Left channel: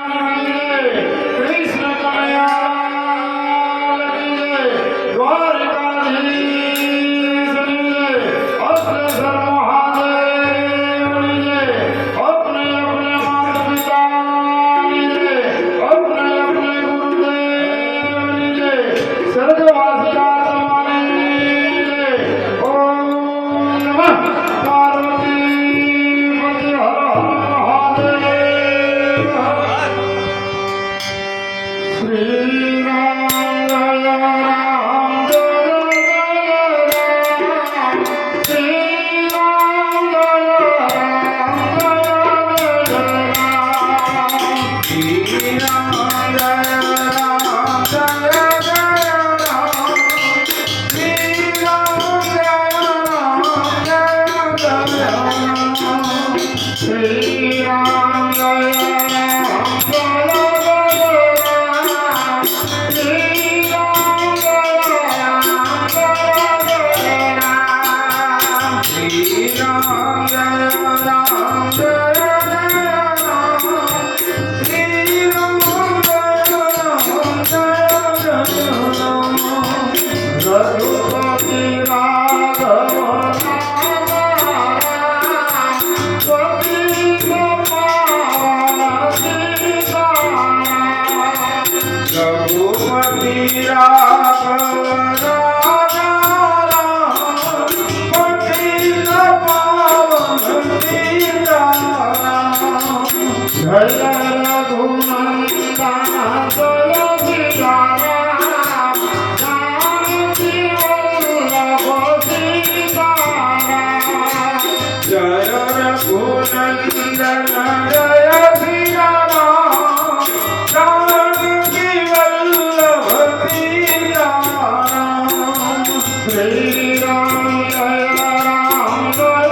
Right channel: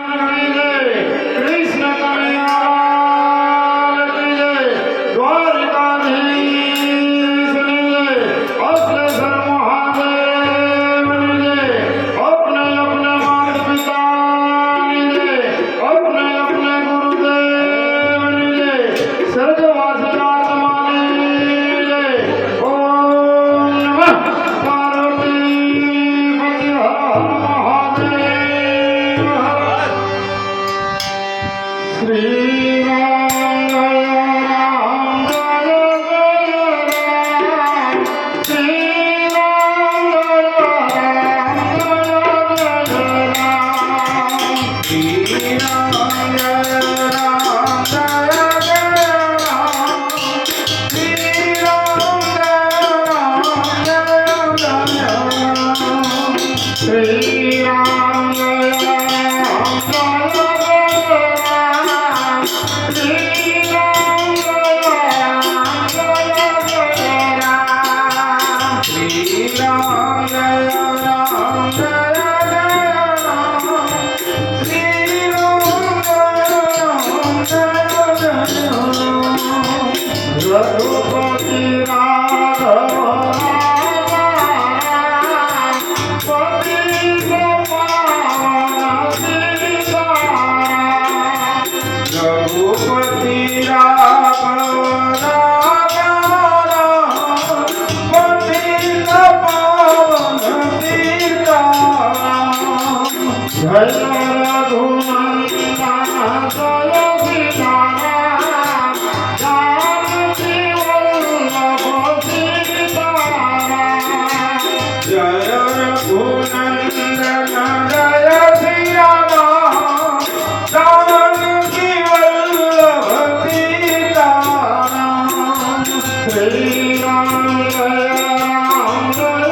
कृष्ण कन्हैया द्वारिकाधीश अग्रसर महादेव अपने अपने माता पिता अपने अपने गुरुदेव स्वर्गवासी आत्मा ओम नमः पार्वती पति हर हर महादेव श्री राम जय राम जय राम श्री राम जय राम जय राम श्री राम जय राम जय राम श्री राम जय राम जय राम श्री राम जय राम रघुपति राघव रघुपति राघव जय रघुनंदन जय सीताराम जानकी वल्लभ सीताराम जय रघुनंदन जय सीताराम जानकी वल्लभ सीताराम श्री राम जय राम जय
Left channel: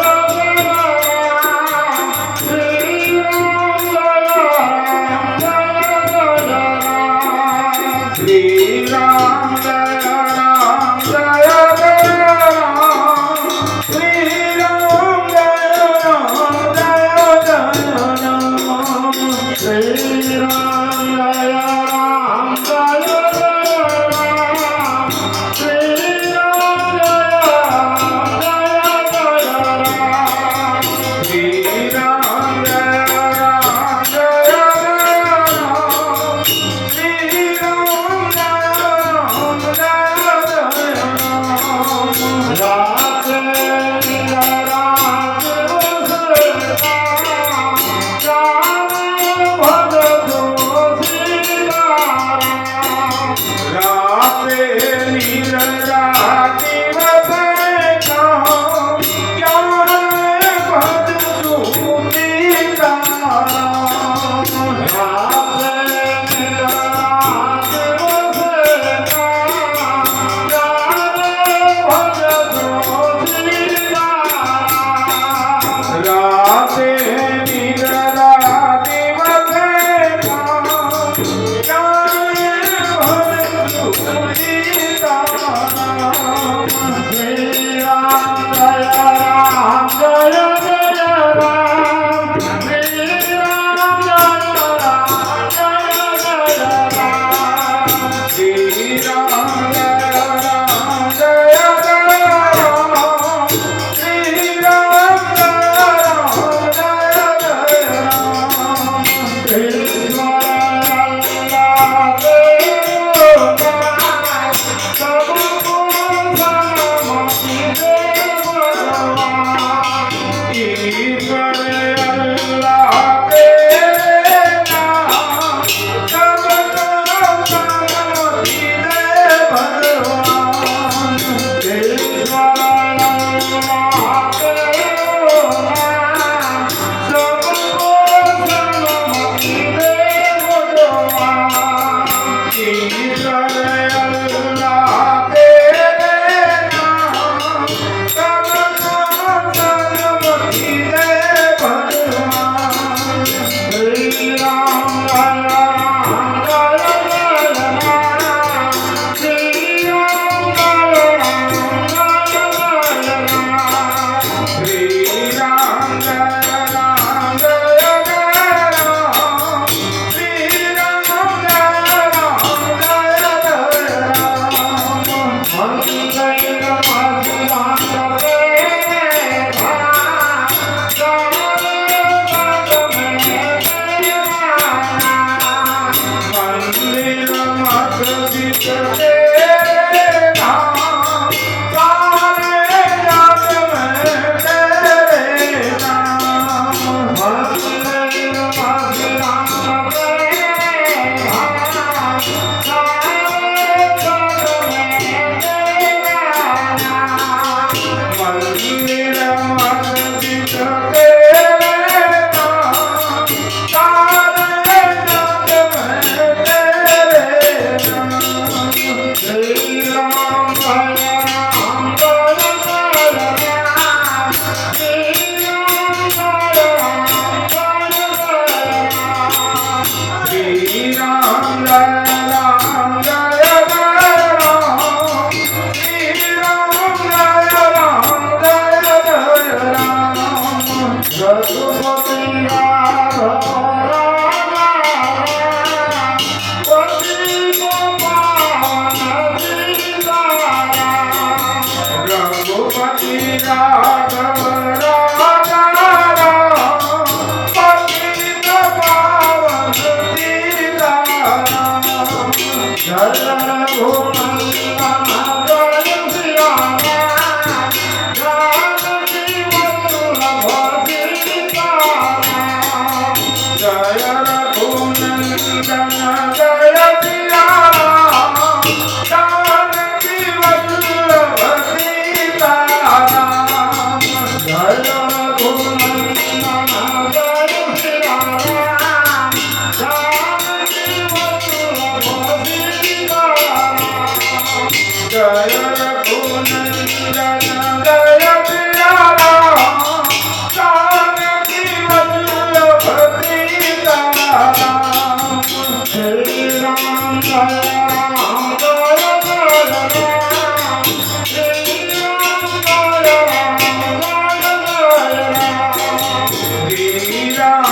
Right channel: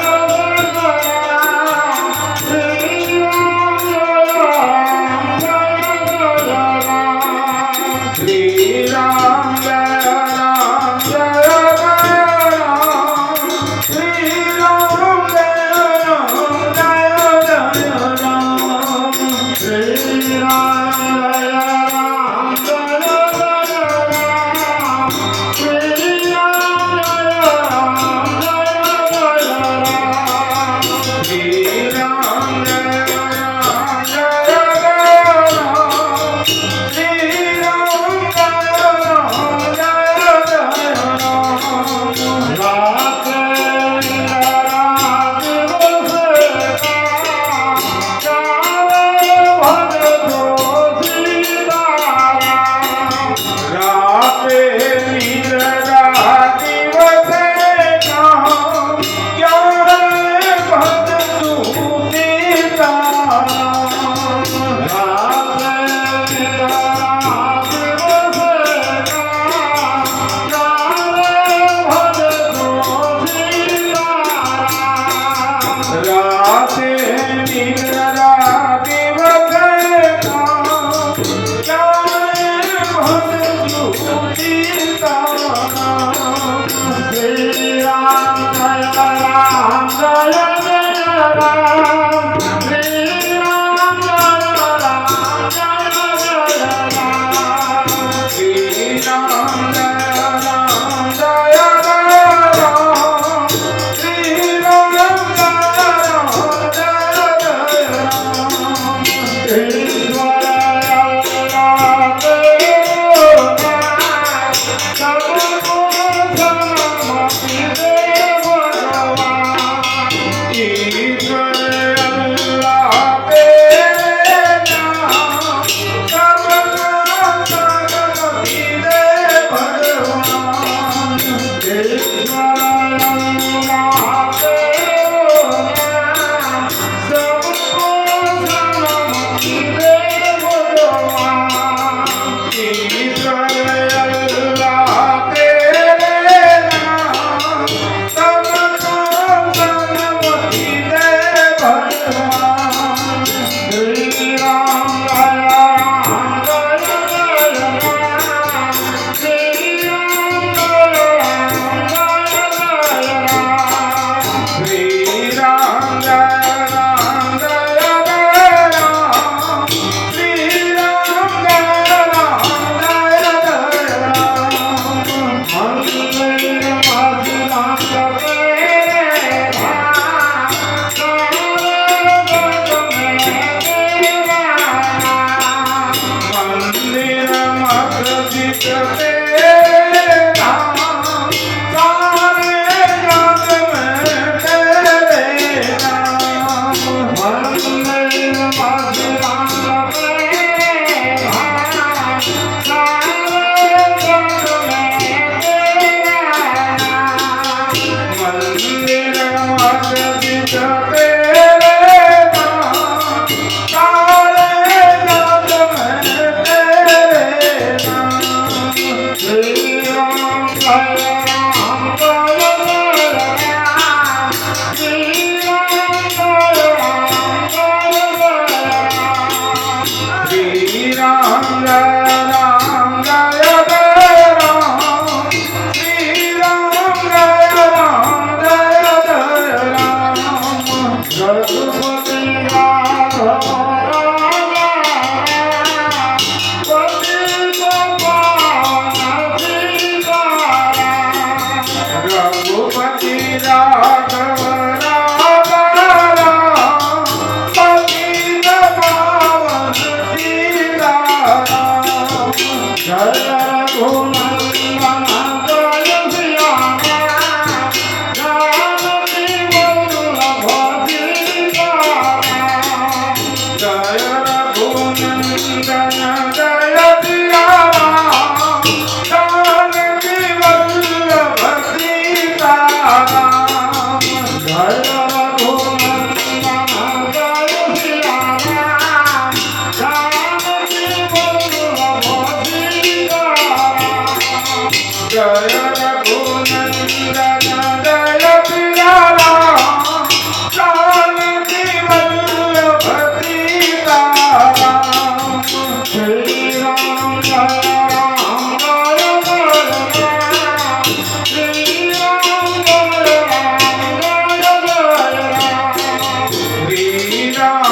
श्री राम जय राम जय राम श्री राम जय राम जय राम श्री राम जय राम जय राम श्री राम जय राम जय राम श्री राम जय राम जय राम श्री तेरे नाम सारे जग में तेरे नाम वंदे मधुरा मंदिर मस्जिद तेरे नाम सारे जग में तेरे नाम श्री राम जय राम जय राम श्री राम जय राम जय राम श्री राम जय राम जय राम श्री राम जय राम जय राम रघुपति राघव रघुपति राघव राजा राम पतित पावन सीता राम जय रघुनंदन जय सिया राम जानकी वल्लभ सीता राम जय रघुनंदन जय सिया राम जानकी वल्लभ सीता राम जय रघुनंदन जय सिया राम जानकी वल्लभ सीता राम जय रघुनंदन जय सिया राम जानकी वल्लभ सीता राम श्री राम जय राम जय राम श्री राम जय राम जय राम श्री राम